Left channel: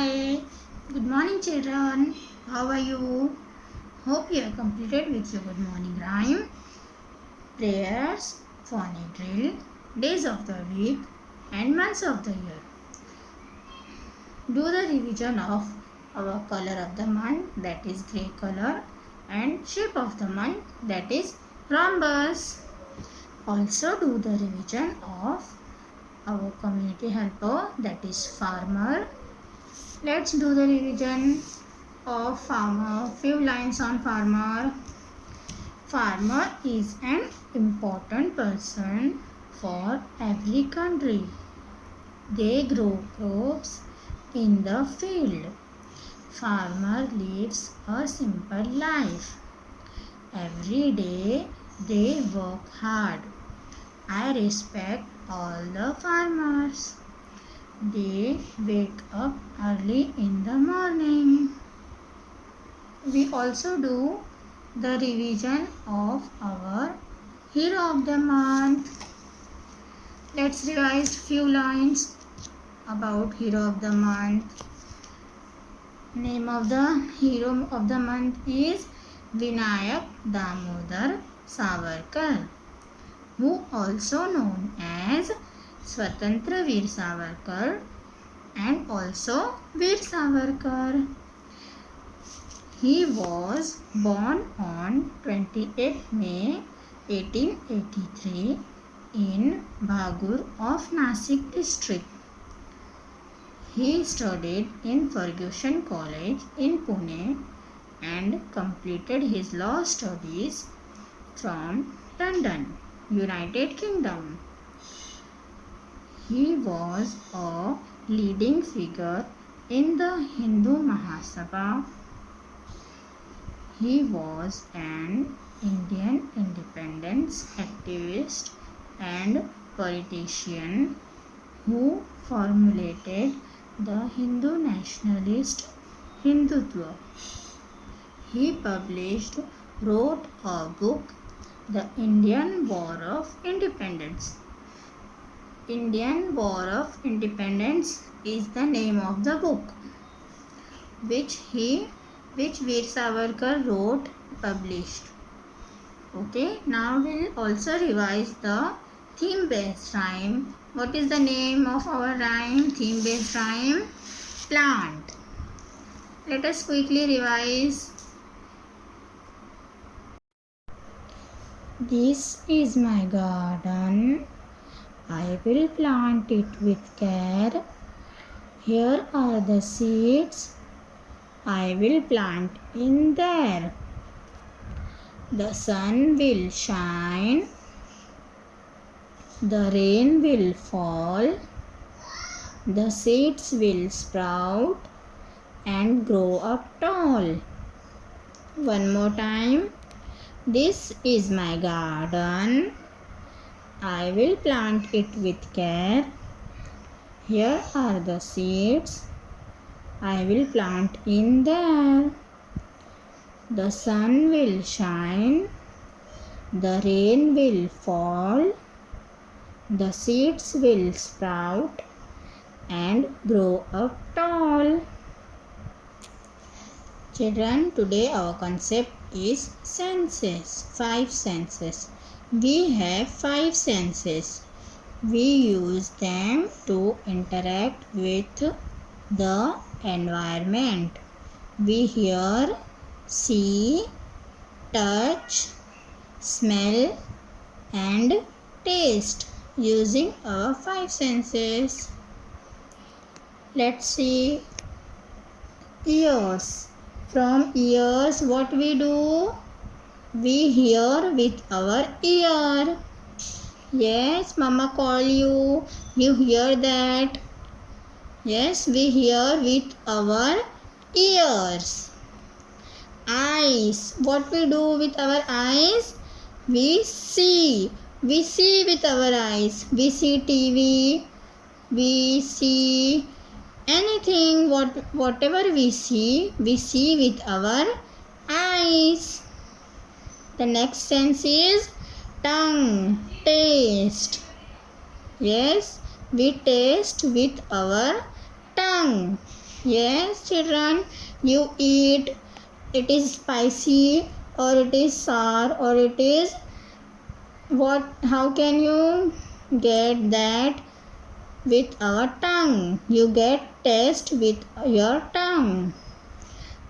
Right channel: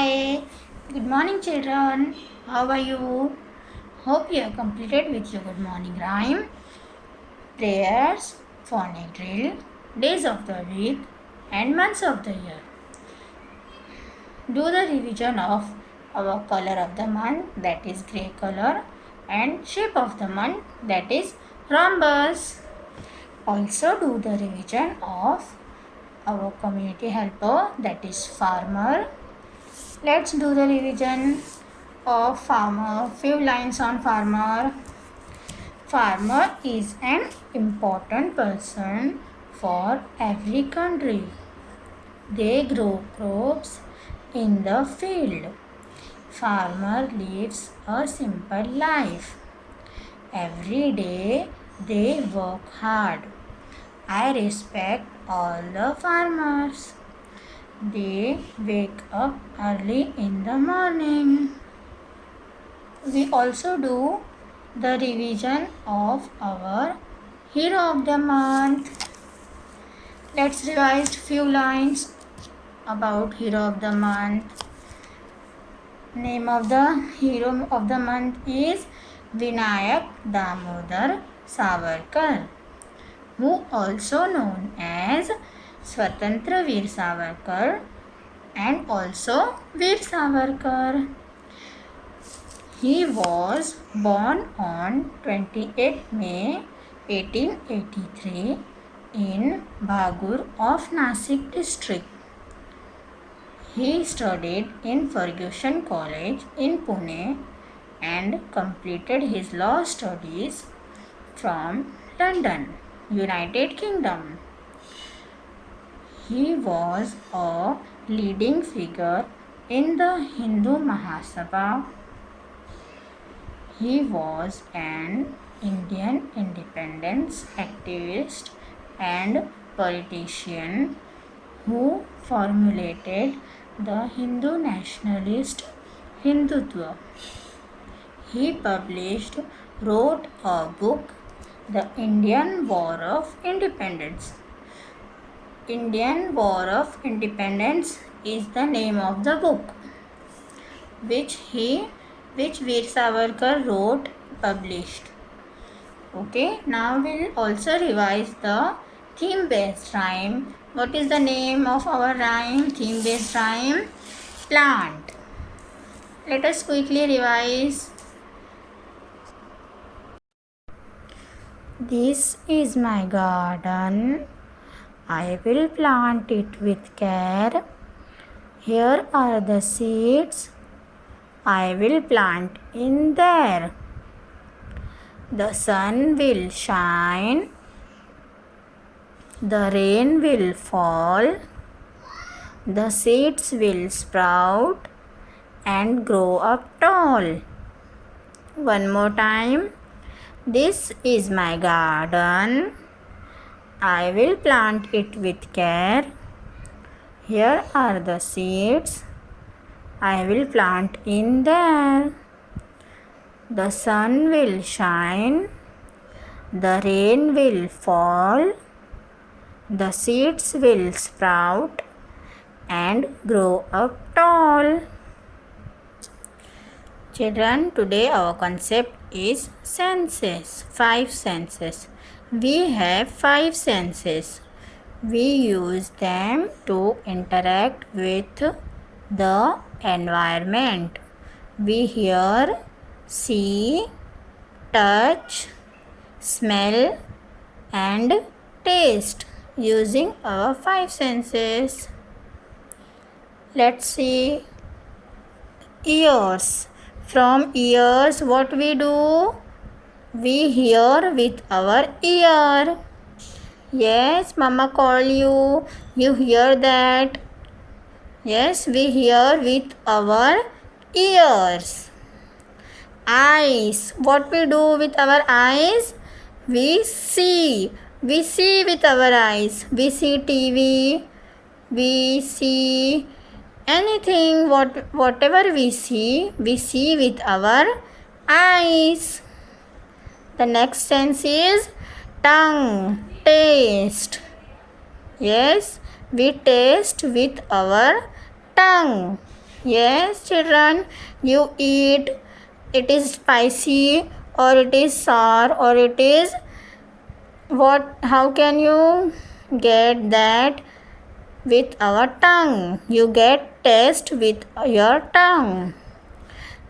Hi, good morning children. How are you? Hope you have completed with your good morning rhyme, prayers, phonic drill, days of the week and months of the year. Do the revision of our color of the month, that is grey color, and shape of the month, that is rhombus. Also do the revision of our community helper, that is farmer. Let's do the revision of farmer. Few lines on farmer. Farmer is an important person for every country. They grow crops in the field. Farmer lives a simple life. Every day they work hard. I respect all the farmers. They wake up early in the morning. We also do the revision of our hero of the month. Let's revise few lines about hero of the month. Name of the hero of the month is Vinayak Damodar Savarkar, who also known as Swatantra Veer Savarkar and also Veer Savarkar. He was born on 28 May 1883 in Bhagur of Nasik district. He studied in Fergusson College in Pune and completed his law studies from London, United Kingdom. He was a leading figure in the Hindu Mahasabha. He was an Indian independence activist and politician who formulated the Hindu nationalist Hindutva. He wrote a book, The Indian War of Independence. Indian War of Independence is the name of the book which Veer Savarkar wrote, published. Okay, now we'll also revise the theme based rhyme. What is the name of our rhyme? Theme based rhyme, plant. Let us quickly revise. This is my garden. I will plant it with care. Here are the seeds I will plant in there. The sun will shine. The rain will fall. The seeds will sprout and grow up tall. One more time. This is my garden. I will plant it with care. Here are the seeds I will plant in there. The sun will shine. The rain will fall. The seeds will sprout and grow up tall. Children, today our concept is senses, 5 senses. We have 5 senses. We use them to interact with the environment. We hear, see, touch, smell and taste using our 5 senses. Let's see ears. From ears, what we do? We hear with our ear. Yes, mama call you. You hear that? Yes, we hear with our ears. Eyes. What we do with our eyes? We see. We see with our eyes. We see TV. We see anything. Whatever we see with our eyes. The next sense is tongue. Taste. Yes, we taste with our tongue. Yes, children, you eat. It is spicy or it is sour or it is what? How can you get that? With our tongue. You get taste with your tongue.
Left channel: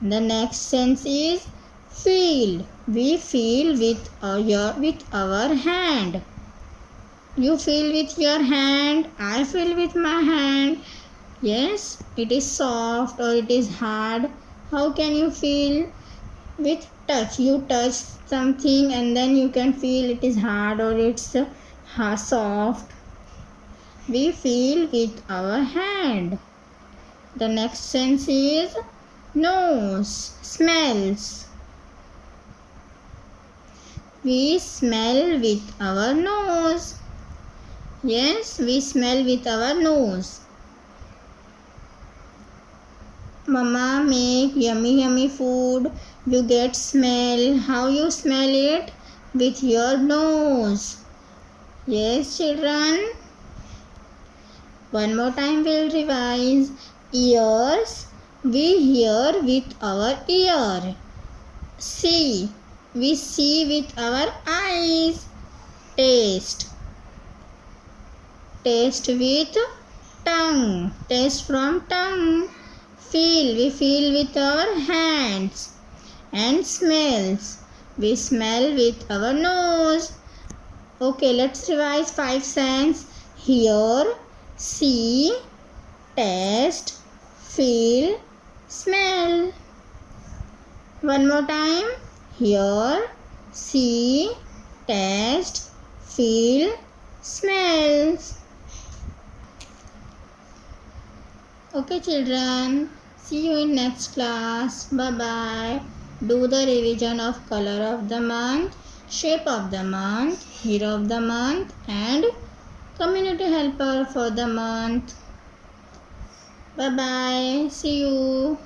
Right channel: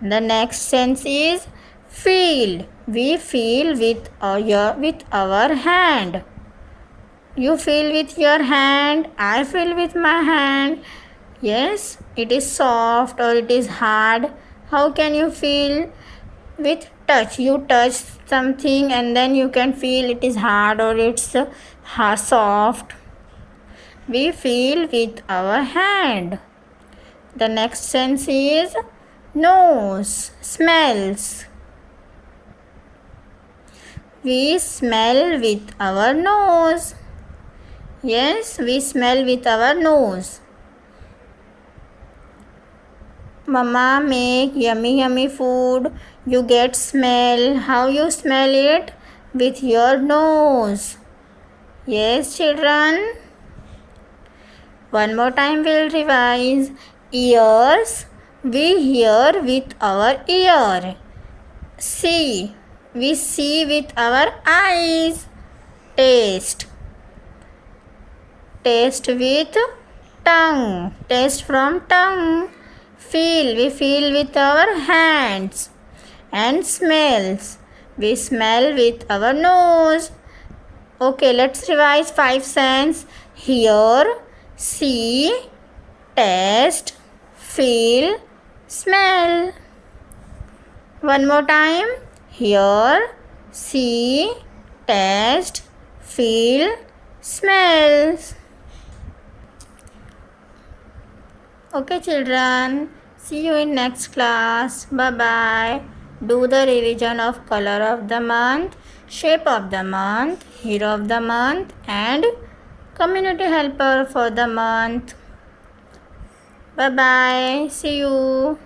The next sense is feel. We feel with our hand. You feel with your hand. I feel with my hand. Yes, it is soft or it is hard. How can you feel? With touch. You touch something and then you can feel it is hard or it's soft. We feel with our hand. The next sense is nose, smells. We smell with our nose. Yes, we smell with our nose. Mama make yummy food. You get smell. How you smell it? With your nose. Yes, children. One more time we'll revise. Ears. We hear with our ear. See. We see with our eyes. Taste. Taste with tongue. Taste from tongue. Feel. We feel with our hands. And smells. We smell with our nose. Okay, let's revise 5 sense. Hear, see, taste, feel, smell. One more time. Hear, see, taste, feel, smells. Okay, children. See you in next class. Bye-bye. Do the revision of color of the month, shape of the month, hero of the month and community helper for the month. Bye-bye. See you.